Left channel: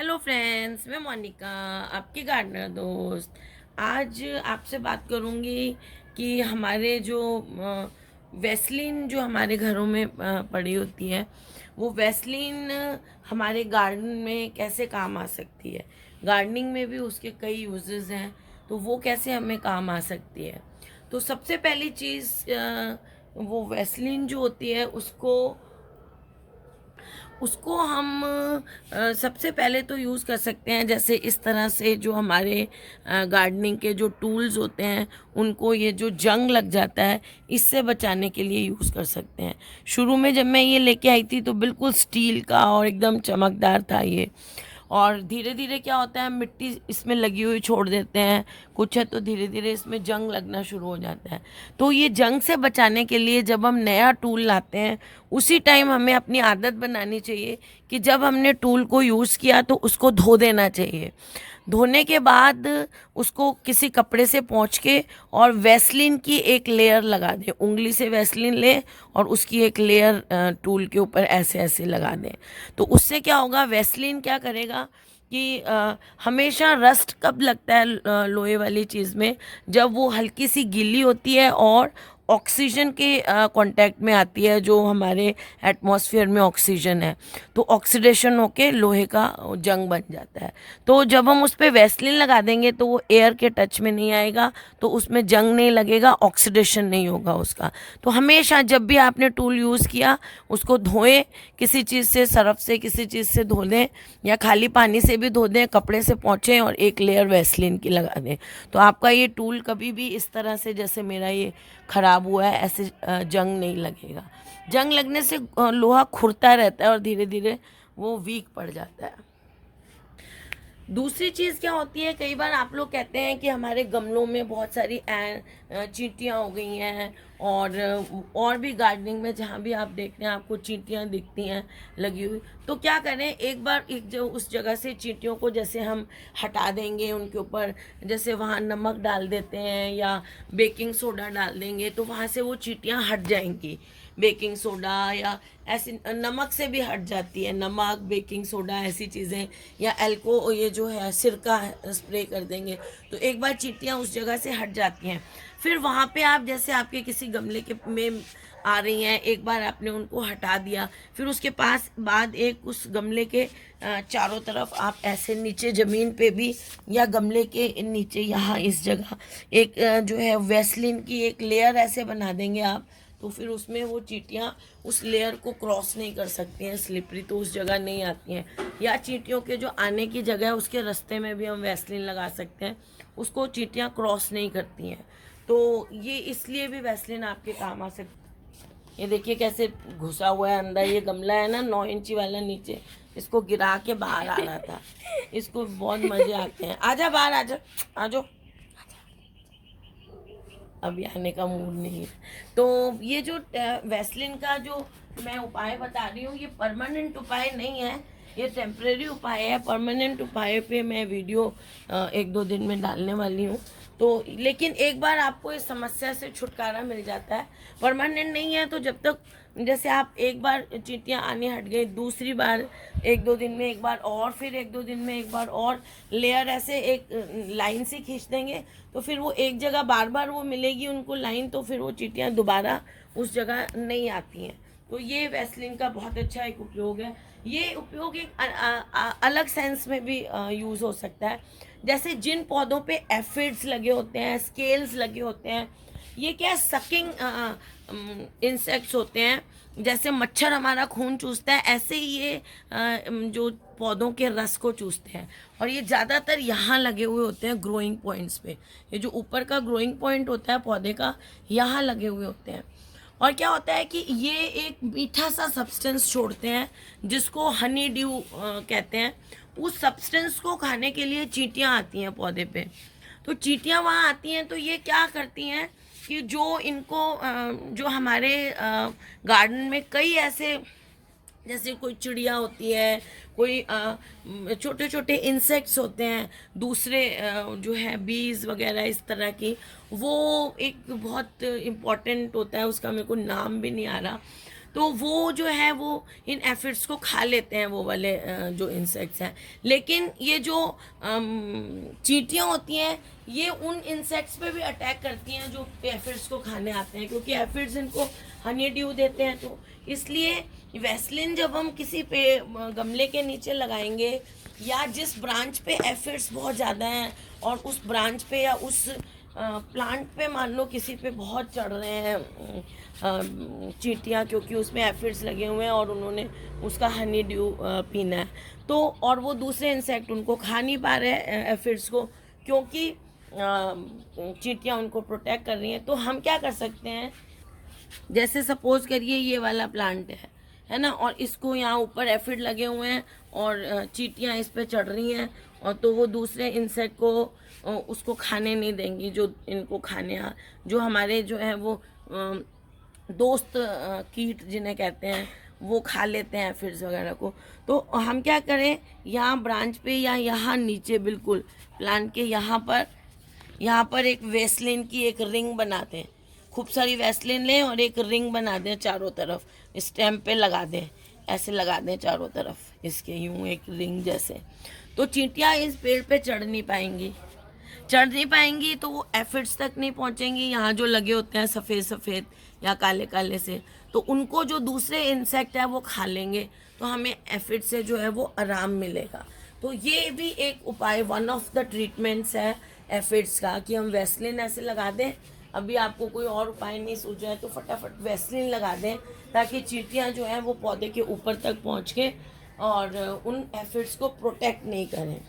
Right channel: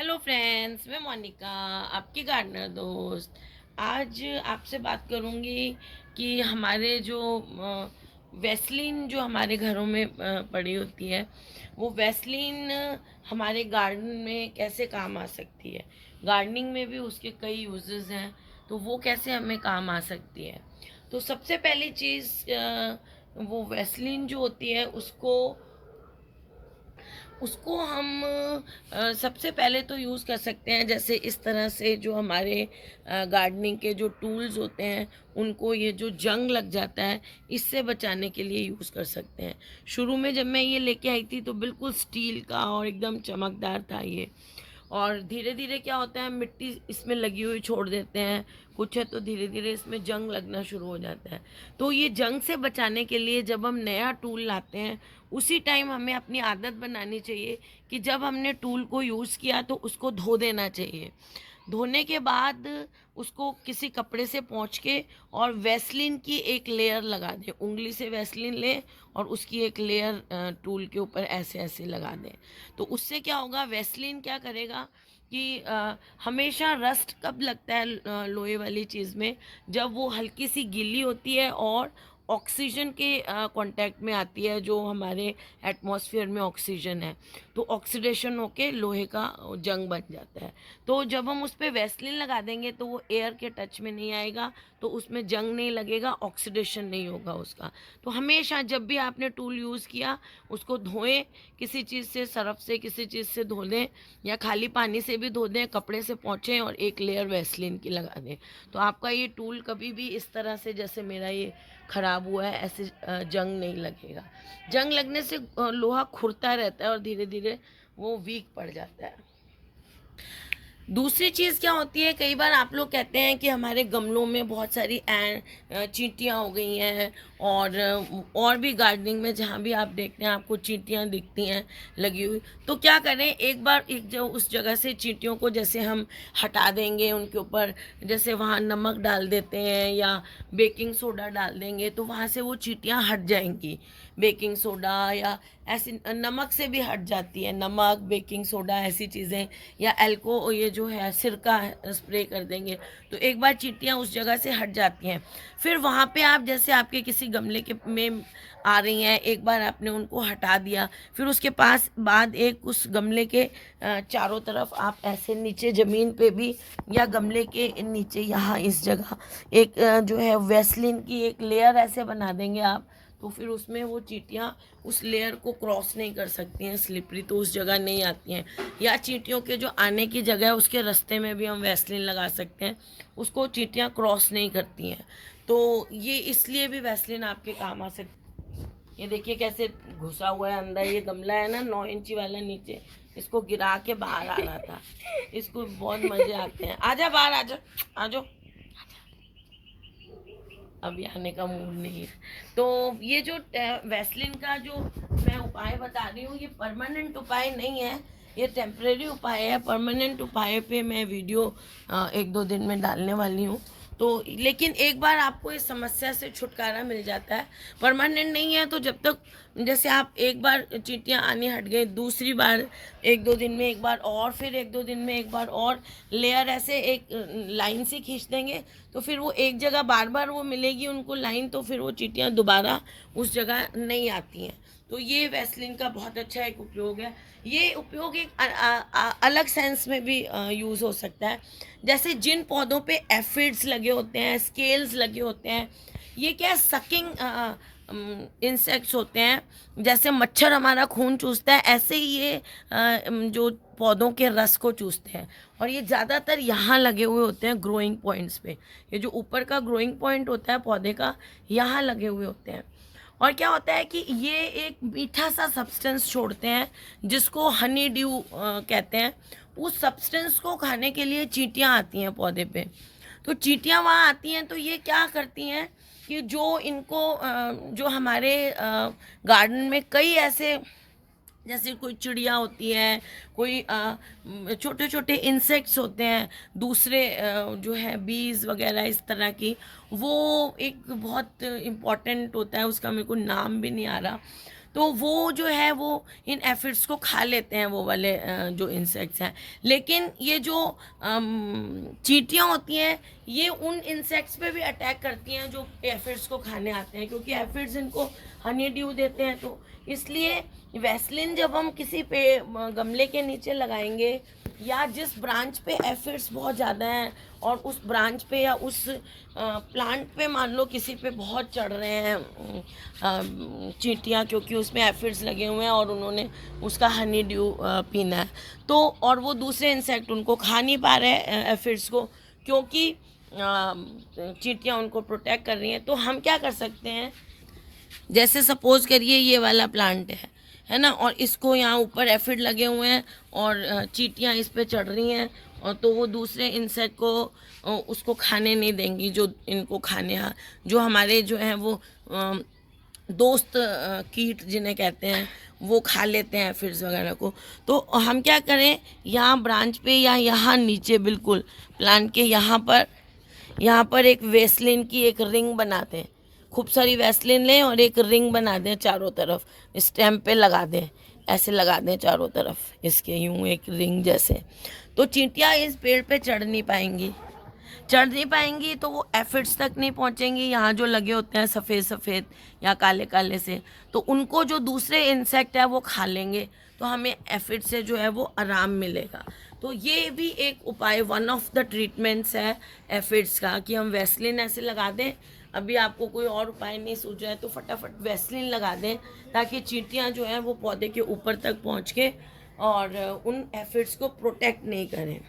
Hello friends, मैं मोनिका, आपकी gardener दोस्त। आज आपसे बात करूंगी कि हमारे जो वैसलीन जो हमारे घरों में पड़ी होती है, वो वैसलीन हमारे गार्डन में कैसे काम आ सकती है। गार्डनिंग में भी उसके कई यूजेस हैं, तो वो कैसे हमें काम आ सकती है। तो सबसे पहली चीज़, वो वैसलीन जो होती है उसको हम सबसे पहले तो यूज़ कर सकते हैं, जैसे इस तरह से जो हमारे गार्डनिंग के जो टूल्स होते हैं उनको ये जो जंग लग जाता है इससे बचाने के लिए यूज़ कर सकते हैं। शुरू में जब मैं ये लेके आई थी तो बिल्कुल स्टील का और एकदम चमकदार था ये, और धीरे धीरे क्या होता है, मिट्टी इसमें लगी हुई छोड़ देते हैं कुछ है, तो धीरे धीरे इसमें जंग लगना शुरू हो जाता है। तो ये जंग से बचाने के लिए जब हम नया टूल लाते हैं उसी टाइम हमें अपनी आदत बनानी चाहिए कि जब हमने टूल को यूज़ किया तो उसको धो देना चाहिए। धोने के बाद उसको किसी कपड़े से पोंछ के और वैसलीन की एक लेयर लगा दें, उंगली से वैसलीन लें और उसकी एक लेयर टूल के ऊपर ऐसे ऐसे लगा दें। तो उससे क्या होगा, वैसलीन क्या करेगा कि हमेशा रस्ट कब लगता है लोहे वाली चीज़ में, जब वो हल्की सी गीली होती है और ऑक्सीजन के कांटेक्ट में आती है, जो हमारे एटमॉस्फेयर में ऑक्सीजन है, तो ऑक्सीडेशन होके लोहे का जंग बन जाता है। तो जब हम उस पर वैसलीन लगा देंगे तो वो एयर के टच में नहीं आएगा, तो उसमें जंग नहीं लगेगा, ऑक्सीडेशन नहीं होगा उसका। तो हमेशा जब भी आपने टूल यूज़ किया उसको धोएं, किसी चीज़ से, सरफ से, किसी चीज़ से धो दें या खाली पानी से भी धो दें, कपड़े से पोंछें और एक लेयर वैसलीन की लगा दें। तो आपका ये टूल कभी भी इस तरह से, जैसे मेरा ये ख़राब हुआ है, ऐसे जंग नहीं लगेगा। जंग लगने से लोहा खुरता रहता है और धीरे धीरे वो वीक पड़ जाता है। दूसरी चीज़ क्या होती है, कई बार आप लोग कहते हैं कि हमारे गमलों में बहुत सारी चींटियाँ हो गई हैं, और भी गार्डनिंग में जहाँ भी आप देखते हैं आपको चींटियाँ दिखती हैं लगी हुई। तो क्या करें, एक बार एक जो उस जगह से चींटियों को जैसे हम हटा देंगे, उनके ऊपर जैसे वहाँ नमक डाल देते हैं या बेकिंग सोडा डाल देंगे तो वहाँ से वो चींटियाँ हट जाएंगी। बेकिंग सोडा या ऐसी नमक से भी हट जाती है, नमक, बेकिंग सोडा, ऐसी चीज़ें, या एल्को ये जो है सिरका स्प्रे कर देंगे तो एक बार चींटियाँ उस जगह से हट जाती हैं। फिर वहाँ पे आप जैसे आपके किसी गमले के में आ रही हैं, एक बार आपने उनको हटा दिया, फिर उसके पास बाद एक उस गमले के चारों तरफ आप ऐसे नीचे ज़मीन पे भी या गमले के नीचे यहाँ इस जगह एक जो है वैसलीन की एक लेयर ऐसे बना देंगे आप, तो फिर उसमें वो चींटियाँ उस लेयर को क्रॉस नहीं कर सकती हैं, स्लिपरी तो उस जगह नहीं आती हैं। या चींटियों के जो आने की जगह है उसके रास्ते में भी हम वैसलीन लगा सकते हैं, उसको चींटियाँ क्रॉस नहीं करती हैं। तो ये इसलिए भी वैसलीन आपके काम आ सकती है। ये देखिए कैसे घुसा हुआ है अंदर, ये गमला है ना 9 इंची वाला, नीचे इसको गिरा के बाहर आ रहा था। इसको बहुत मजे आते हैं। आजा बाहर, आजा, आजो। अभी आने का मूड नहीं है। तो ये जो वैसलीन का जो मैं उपाय बता रही हूँ, ये परमानेंट उपाय नहीं है, ये टेम्परेरी उपाय है। परमानेंट उपाय पे मैं वीडियो 1-2 दिन में डालने वाली हूँ। तो लेकिन एक बार आपको इस समस्या से छुटकारा मिल जाता है। परमानेंट नहीं है तो जब तक, जैसे आप एक बार चींटियाँ आनी हट गई, दूसरी बार 1-2 दिन में एक बार और, फिर 1-2 दिन में एक बार और लेयर ऐसे एक लाइन से खींच देंगे तो फिर वो एक जगह बार बार वो मिलेगी उनको लाइन, तो फिर वो चींटियाँ दोबारा उस जगह नहीं आती हैं। तो ये वैसलीन का बहुत अच्छा एक उपयोग है। ये उपयोग एक अलग सेंस में भी यूज़ हो सकता है। जैसे जिन पौधों पे एफिड्स लगे होते हैं, स्केल्स लगे होते हैं, ये क्या सकिंग इंसेक्ट्स होते हैं, जैसे मच्छर हमारा खून चूसता है ऐसे ही ये जो पौधों के रस को चूसते हैं, और ये ज़्यादातर यहाँ लगे हुए होते हैं ग्रोइंग पॉइंट्स पे। ये जो ऊपर का ग्रोइंग पॉइंट होता है पौधे का, यहाँ लगे हुए होते हैं। और क्या होता है कि ये एक मीठा सा सब्सटेंस छोड़ते हैं जिसको हनी ड्यू कहते हैं। उस सब्सटेंस को खाने के लिए चींटियाँ आती हैं पौधे पे। तो चींटियाँ वहाँ आती हैं तो ये क्या करती हैं कि जो इनको जो हमारे गार्डन में कई ऐसे, जैसे कोई चिड़िया होती है, कोई छोटे छोटे इंसेक्ट्स होते हैं, दूसरे जो है बीज वगैरह इस तरह की, वो एक बहुत इम्पॉर्टेंट होता है, उसका मेरे को नाम भी नहीं आ रहा। तो वो जो है वो इन एफिड्स को खा लेते हैं, वो वाले जो इंसेक्ट्स हैं। लेकिन ये जो चींटियाँ होती हैं ये उन इंसेक्ट्स पे भी अटैक करती हैं जो एफिड्स को खाने आते हैं, क्योंकि एफिड्स इनको हनी ड्यू देते हैं। तो इसलिए वैसलिन जब हम किसी पे गमले के नीचे लगाएंगे, या जिस ब्रांच पे एफिड्स बहुत ज़्यादा हैं और उस ब्रांच पे या उस प्लांट पे मान लो किसी पे बहुत चढ़ रहे हैं चींटियाँ, क्योंकि उसमें एफिड्स लगे हुए हैं और उन्होंने उसका हनी ड्यू पीना है, तो और वो दूसरे इंसेक्ट उनको खा नहीं पा रहे हैं एफिड्स को, क्योंकि चींटियाँ उनको प्रोटेक्ट कर रही हैं। तो हम क्या कर सकते हैं, जैसे सपोज करिए ये वाला प्लांट है ना, और इसको यहाँ ऊपर एफिड लगे हुए हैं और चींटियाँ इस पे चढ़ रही हैं, और तो वो दूसरे इंसेक्ट को उसको खाने नहीं देंगी जो इनको खाने जो हमारे जो है वो दोस्त कीट जिन्हें कहते हैं वो खा लेते हैं एफिड्स वगैरह को। तो हम क्या करें, यहाँ ब्रांच पे या यहाँ नीचे बिल्कुल प्लांट के यहाँ पर एक वेसलिन की एक रिंग बनाते हैं, खूब सारी वैसलीन लें और एक रिंग बना दें चारों तरफ, स्टेम पे लगा दें, ऐसे लगा दें चारों तरफ इसके यूं एक रिंग जैसे। तो चींटियाँ इस पेड़ पे चढ़ नहीं पाएंगी तो वो एफिड्स तक नहीं पहुंचेंगी, यहाँ जो लगे होते हैं सफ़ेद सफ़ेद या काले काले से, तो उनको जो दूसरे इंसेक्ट है वो खा लेंगे, तो हमें एफिड से जो है वो आराम मिलेगा। तो ये भी एक उपाय, वन ऑफ द ट्रीटमेंट्स है एफिड्स का, कि हम वैसलीन ऐसे लगा दें। अभी आपको कोई और उपाय नहीं सूझा है तो फटाफट वैसलीन लगा दें, ताकि चींटियाँ जो हैं वो पौधे के ऊपर तक पहुँच के और उन एफिड्स को प्रोटेक्ट नहीं करें।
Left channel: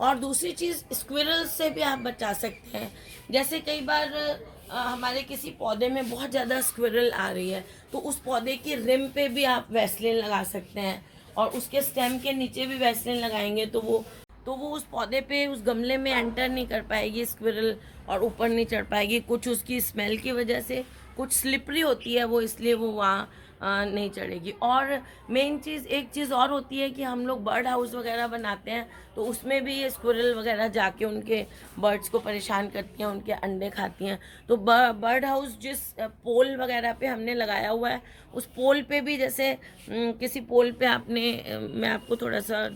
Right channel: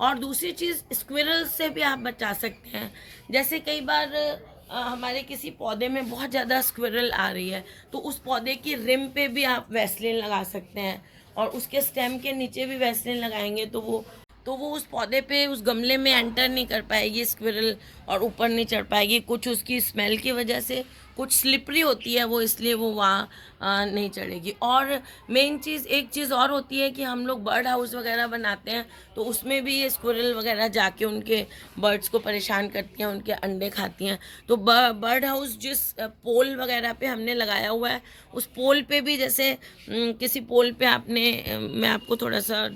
और दूसरी चीज़, स्क्विरल से भी आप बचा सकते हैं। जैसे कई बार हमारे किसी पौधे में बहुत ज़्यादा स्क्विरल आ रही है, तो उस पौधे की रिम पे भी आप वैसलीन लगा सकते हैं, और उसके स्टेम के नीचे भी वैसलीन लगाएंगे तो वो उस पौधे पे, उस गमले में एंटर नहीं कर पाएगी स्क्विरल, और ऊपर नहीं चढ़ पाएगी, कुछ उसकी स्मेल की वजह से, कुछ स्लिपरी होती है वो, इसलिए वो वहाँ नहीं चढ़ेगी। और मेन चीज़, एक चीज़ और होती है कि हम लोग बर्ड हाउस वगैरह बनाते हैं, तो उसमें भी ये स्क्विरल वगैरह जाके उनके बर्ड्स को परेशान करती हैं, उनके अंडे खाती हैं। तो बर्ड हाउस जिस पोल वगैरह पे हमने लगाया हुआ है, उस पोल पे भी, जैसे किसी पोल पे आपने, मैं आपको थोड़ा सा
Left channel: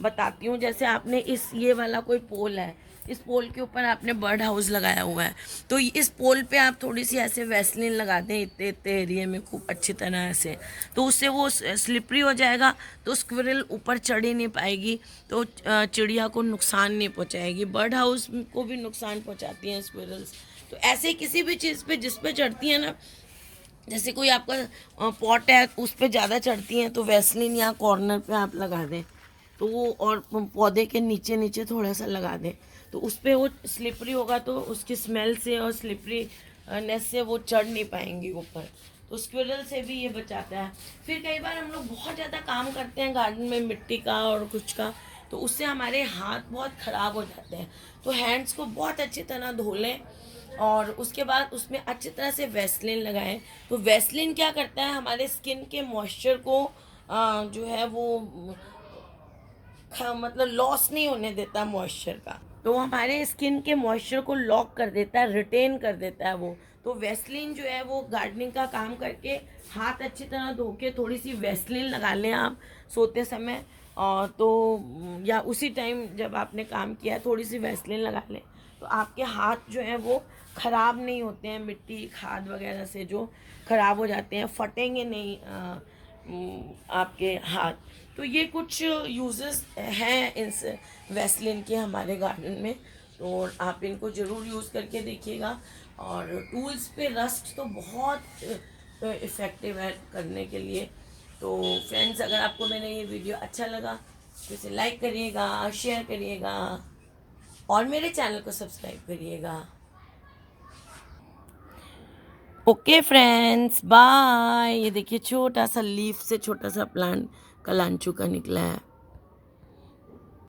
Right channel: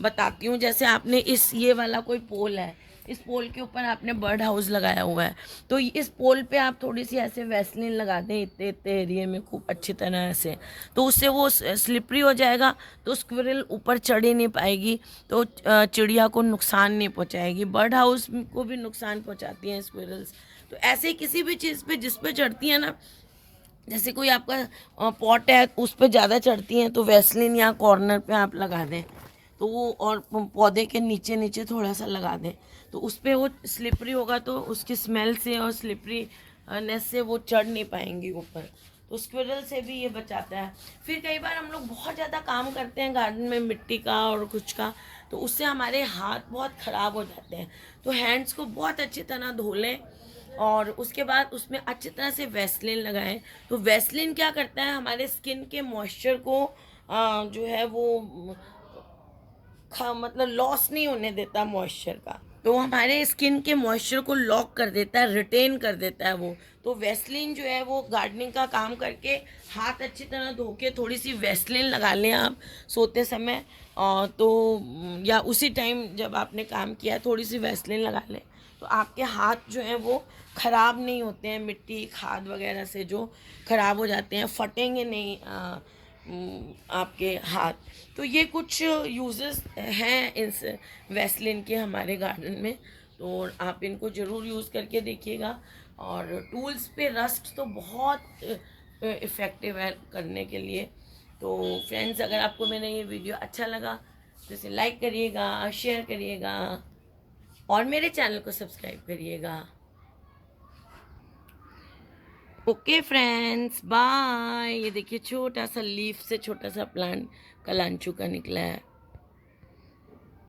बताती हूँ, जैसे आपने ये वाला कोई पोल है, इस पोल के ऊपर आपने बर्ड हाउस लगाया हुआ है, तो इस पोल पे आप थोड़ी सी ऐसे वैसलीन लगा दें इतने इतने एरिए में खूब अच्छी तरह से, तो उससे वो स्लिपरी हो जाएगा, तो स्क्विरल ऊपर चढ़ ही नहीं पाएगी, तो चिड़िया को नुकसान नहीं पहुंचाएगी, बर्ड हाउस को भी नुकसान पहुंचाती हैं स्क्विरल्स। तो ऐसे किसी भी चीज़ पे जिस पे चढ़ती है ना, जैसे कोई आपका पॉट है उस पर ज़्यादा चढ़ती हैं, तो वैसलीन यहाँ कॉर्नर पे आप लगा दें, तो वो, और पौधे के नीचे नीचे थोड़ा सा लगा दें, तो उस पर वो स्लिपरी होगा, तो उसकी स्मेल से और स्लिपरीनेस से वो चढ़ नहीं पाएंगी ऊपर, तो स्क्विरल से भी ये बचाता है। फिर कई बार हम लोग बहुत ज़्यादा काम करते हैं गार्डन में मिट्टी का और कुछ का, तो उससे हमारे हाथ बहुत ख़राब हो जाते हैं, तो हैंड्स को बहुत अच्छी तरह धो लें और उसके बाद उसमें अच्छी तरह से वैसलीन लगाएं। तो वैसलीन क्या करता है, हमारे स्किन के मॉइस्चर को जो है वो मतलब लॉस नहीं होने देता मॉइस्चर का, तो हमारे स्किन के मॉइस्चर को लॉक कर देता है, रिटेन कर देता है वो। तो वैसलीन जो है वो गार्डनिंग का काम करके, हाथ अच्छी तरह धो के थोड़ी सी वैसलीन लगा लें आप सोते समय, तो या उसी टाइम जब आपने काम किया थोड़ी सी वैसलीन लगा लें, तो आपके हाथ जो हैं वो ख़राब नहीं होते हैं, मिट्टी खाद वगैरह से जो ख़राब हो जाते हैं, फटेंगे नहीं आपके हाथ। तो ये कुछ यूजेस हैं इस वैसलीन के हमारे गार्डन में, तो आप इनको ज़रूर यूज़ करके देखिएगा। और टूल्स पे रस्ट तो बहुत इफ़ेक्टिव है करने के लिए। तो फ्रेंड्स, अगर आपको मेरा ये वीडियो अच्छा लगा तो इसे लाइक करिएगा, शेयर करिएगा और मेरे चैनल को सब्सक्राइब करिएगा। Okay friends, bye. ये देखिए छोटा सा लीफ से छोटा सा प्लांट कलांचू का निकला है।